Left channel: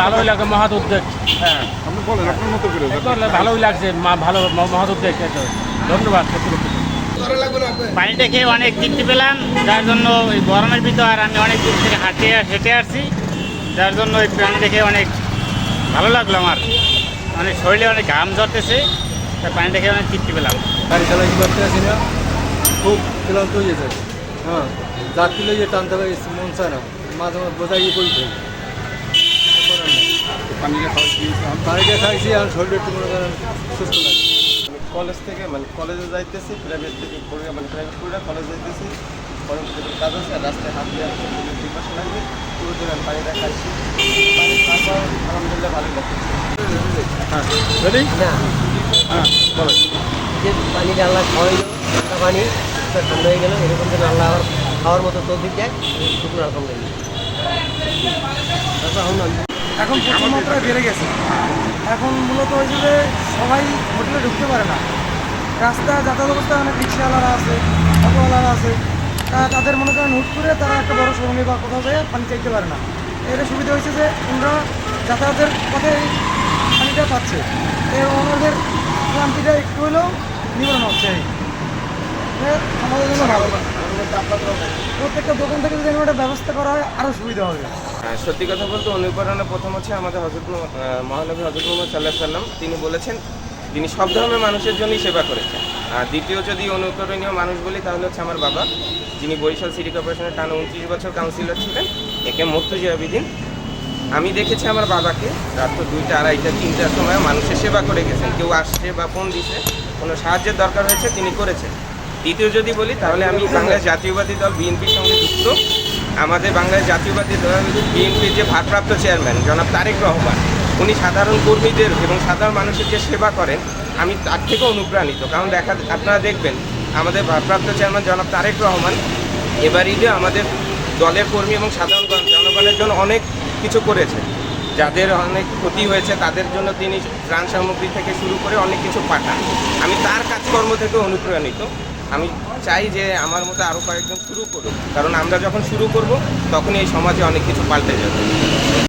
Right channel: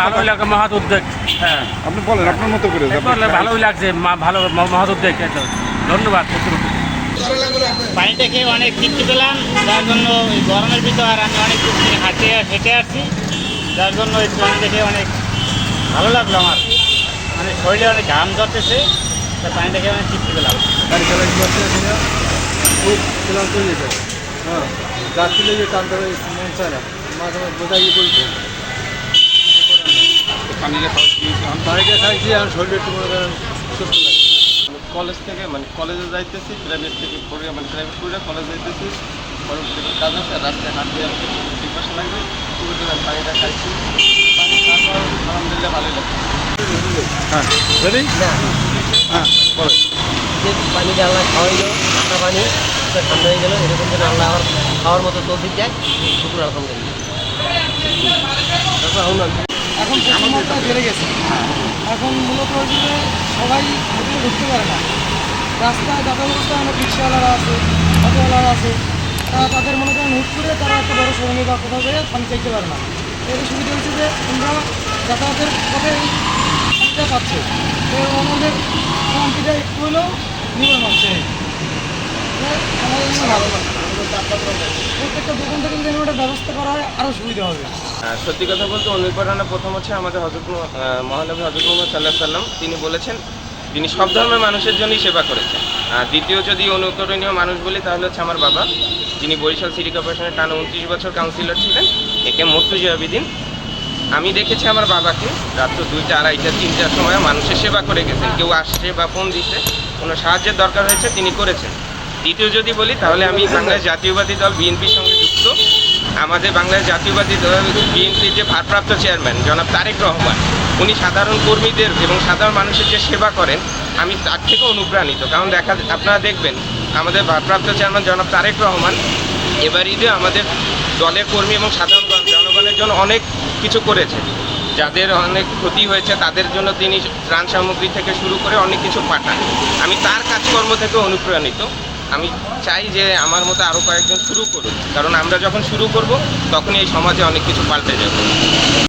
ভালোই লাগে মহৎ উদ্যোগ। হ্যাঁ, আপনি বলেন আপনার মতো করে। ভালোই লাগছে, ভালো মহৎ উদ্যোগ। ধন্যবাদ কর্তৃপক্ষকে। পানিটা খেয়ে অনেক তৃপ্তি পেলাম, যার জন্য ওই গরমের ভিতর আর আমি অনেক দূর থেকে হেঁটে আসছি, যার জন্য ওই পানি দেখে অনেক ভালো লাগলো। আমার মানে শরীরে অনেক ঘাম ঝরতেছে, তাই পানিটা খেয়ে অনেক তৃপ্তি পেলাম। গাড়ি চালানো করতেছি না, খুব ক্লান্ত হয়ে যেত। হ্যাঁ, যাত্রী লেগে টানতে মন চায় না, মাঝে মাঝে বোঝাই বলছে পানিটা খাইছি আর শরীরে একটু মনে করেন সুস্থ লাগে। কলেজ থেকে কলেজে যাইতেছি, প্রাইভেট থেকে পড়ে প্রাইভেট পড়ে কলেজ যাইতেছি, কর্মক্ষেত্রে কাজ আছে আর রাস্তায় হাঁটতে আসতে পিপাসা লাগবে, পুরো জন্য পানিটা খাইছি। পানি খাওয়ার পর আলহামদুলিল্লাহ ভালোই লাগছে। যে পানিটা আল্লাহ খাওয়াইলো, ঠান্ডা পানি ঠান্ডা হয়ে গেল, এরকম যেন আল্লাহ আবার খাওয়ার মতো তৌফিক দেয়, শুকনো আলহামদুলিল্লাহ। এখন প্রচুর মাত্রায় বেড়ে গেছে। এখন মূলত হয়েছে যে সবাই হোটেলে ঢুকতে পারে না। রাস্তায় যাতায়াত অবস্থায় অনেক রিক্সাওয়ালারা আছে, অটোওয়ালারা আছে, তাদের মনে করেন হুট করে তারা একটা বড় সঙ্গে বা কোথাও গিয়ে পানি চাইতে পারে না। এর সুবিধা হয়েছে যে আমরা যাতায়াতের পথে পানিটা পাচ্ছে, এর ওনাদের ক্লান্তিটা একটু হলেও নিবারণ হচ্ছে। আমাদের জন্য ভালো, প্রত্যেকটা দোকান থেকে যদি একটা ব্যবস্থা করা হয় আরও সুবিধা হবে। সত্যি কথা বলতে অনুপ্রেরণা প্রথম হচ্ছে আমাদের মহানবী হযরত মুহাম্মদ সাল্লাল্লাহু আলাইহি ওয়াসাল্লাম। তিনি বলেছেন তিনি সব ধর্মের মানুষের জন্যই সেবা করেছেন। আর দ্বিতীয় যদি অনুকরণীয় মানুষ বলি তাহলে হচ্ছে আমার বাবা, যিনি বরিশাল সিটি কর্পোরেশনের টানা 29 বছর কাউন্সিলর ছিলেন, একে মুর্তজা আবিদিন। আমি দেখেছি আমার বাবাকে রাত 2টা, 2:30, 3টার সময় মানুষের সেবা করে গেছেন। কেউ আসছে বা ফোন দিছে, কোনো সাহায্যের দরকার হয়েছে, তিনি করেছেন। দ্বিতীয় যদি বলি তাহলে আমি বাংলাদেশ জাতীয়বাদী দল বিএনপির সঙ্গে যুক্ত। আমাদের বাংলাদেশ জাতীয়বাদী দল বিএনপির যে ভারপ্রাপ্ত চেয়ারম্যান জনাব তারেক রহমান, উনি সাধারণ কর্মীদের এবং সাধারণ মানুষের যে সেবা করেন, আমি তার থেকে অনুপ্রাণিত। কারণ আপনারা দেখবেন আমাদের ভারপ্রাপ্ত চেয়ারম্যান জনাব তারেক রহমান এবার ঈদে আমাদের দলের কর্মী এবং সাধারণ জনগণের জন্য অনেক কিছু করেছে। যাদের অনেক ক্ষতি হয়েছে তাদের জন্য তিনি ত্রাণ সামগ্রী থেকে শুরু করে অনেক কিছু পাঠান। আমি তার কাজকর্ম থেকে অনুপ্রাণিত। আমি চাই যে আমার মতো আরও কয়েকজন শুরু করুক, কারণ আমরা যখন শুরু করব তখন এই সমাজে অনেক কিছু পাল্টে যাবে।